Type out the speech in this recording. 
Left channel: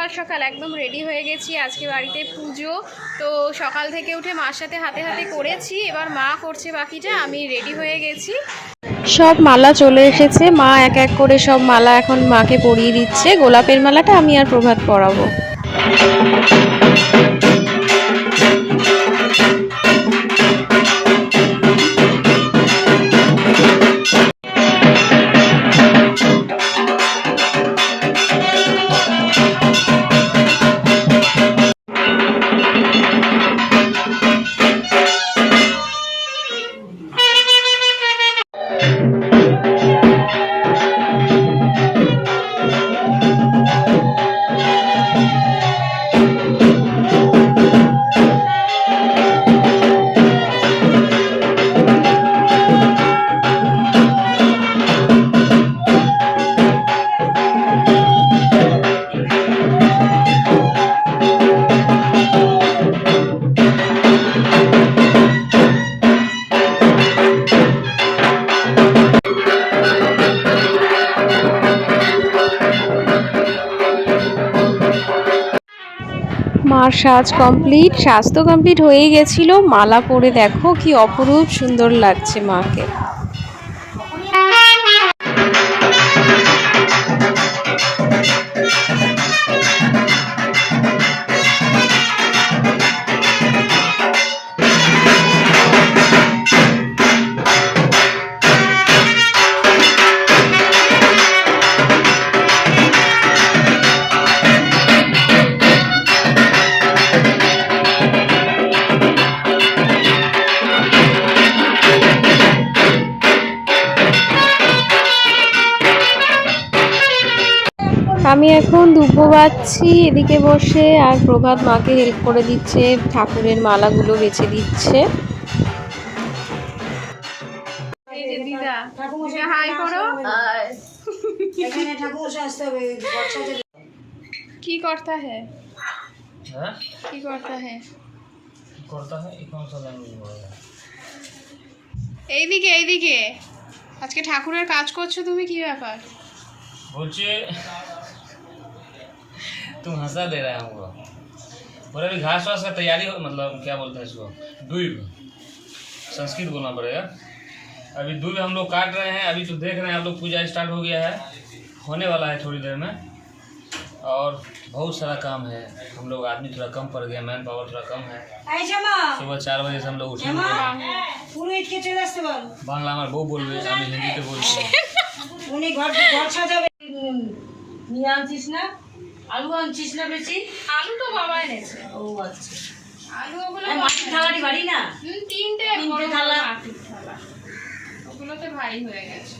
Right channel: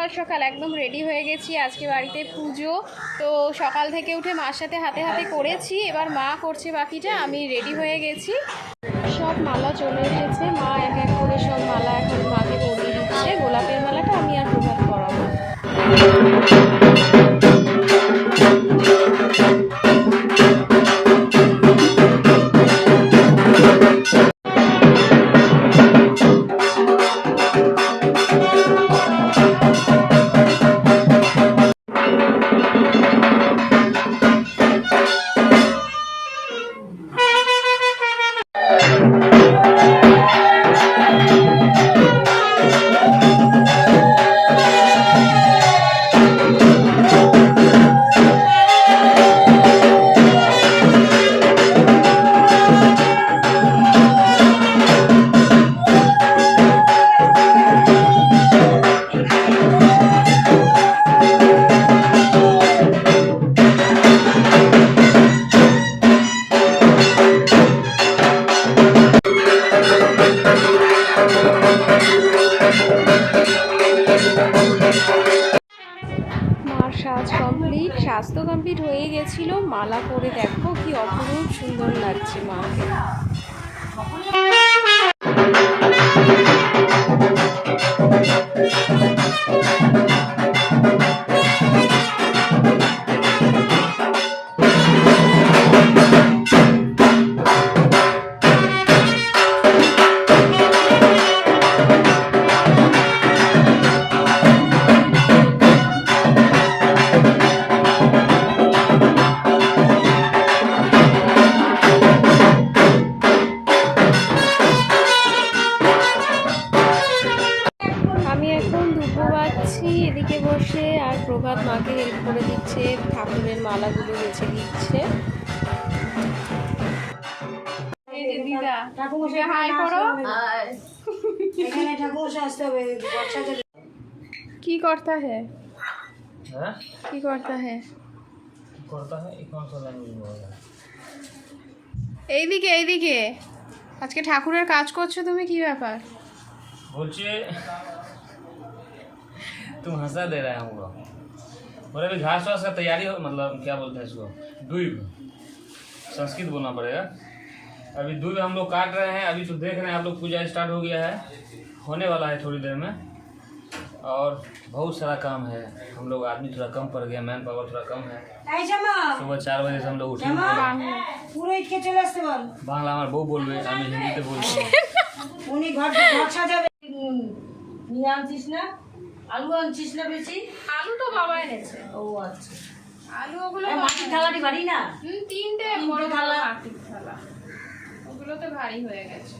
সকাল সকাল একদম রেডি হয়ে গেছি, আজকে বাড়িতে পুজো। তো সকাল থেকে উঠে মার সাথে হাতে হাতে করেছি, এবার মা করছে বাকিটা, আমি রেডি হয়ে গেছি। সব মালা চলে এসেছে, মা এক এক করে সব মালা এখন মাকে পরিয়ে দিচ্ছে। গোলাপের মালাটা আমি আর প্রভাত পরাবো। মার সাজ কমপ্লিট, সাজ তো কমপ্লিট হয়েই গেছিলো। মালা পরে দেখো কি অপরূপ সুন্দর লাগছে মাকে। আমি এখন দুব্বো বাজছি এদিকে বসে, আর প্রভাত মাকে হেল্প করে দিচ্ছে, ঠাকুরের মালাগুলো বেছে দিচ্ছে। কি করতা হ্যাঁ কি করতা হ্যাঁ এইদিকে এইদিকে আজকে ঠাকুরের কাজ করছো তুমি, কি ব্যাপার? बोलचे तुम हंसा दे रहे हैं हमको। बोले अभी घास वास का तैयारी हो, मतलब क्या बोलते हैं इसको, दूब, संस्कृत बोलना पड़ेगा। अभी दूब हम लोग काट रहे हैं। अभी तो देख रहे हैं आप लोग, पूजा स्टार्ट हो गया है, होने वाला है थोड़ी देर में। और बहुत सारा काम है, हम लोग आदमी थोड़ा कम पड़ गया, मैन पावर थोड़ा कम है। सुबह 4 बजे से हम लोग उठे बांग्ला हमारे बहू बोल रहे, আমি হিন্দিতে বলছি। উনি ঘর সাজাবে নিয়ে আনছিস না? আলু আনছিস না বেশি? আলু তো বাবা এনেছে। ও আচ্ছা, আলু ওগুলো মাটির থালাটি ভারী না? 3টে বড় থালা, মাটির থালা, ওগুলোতে ভারী হয়ে গেছে।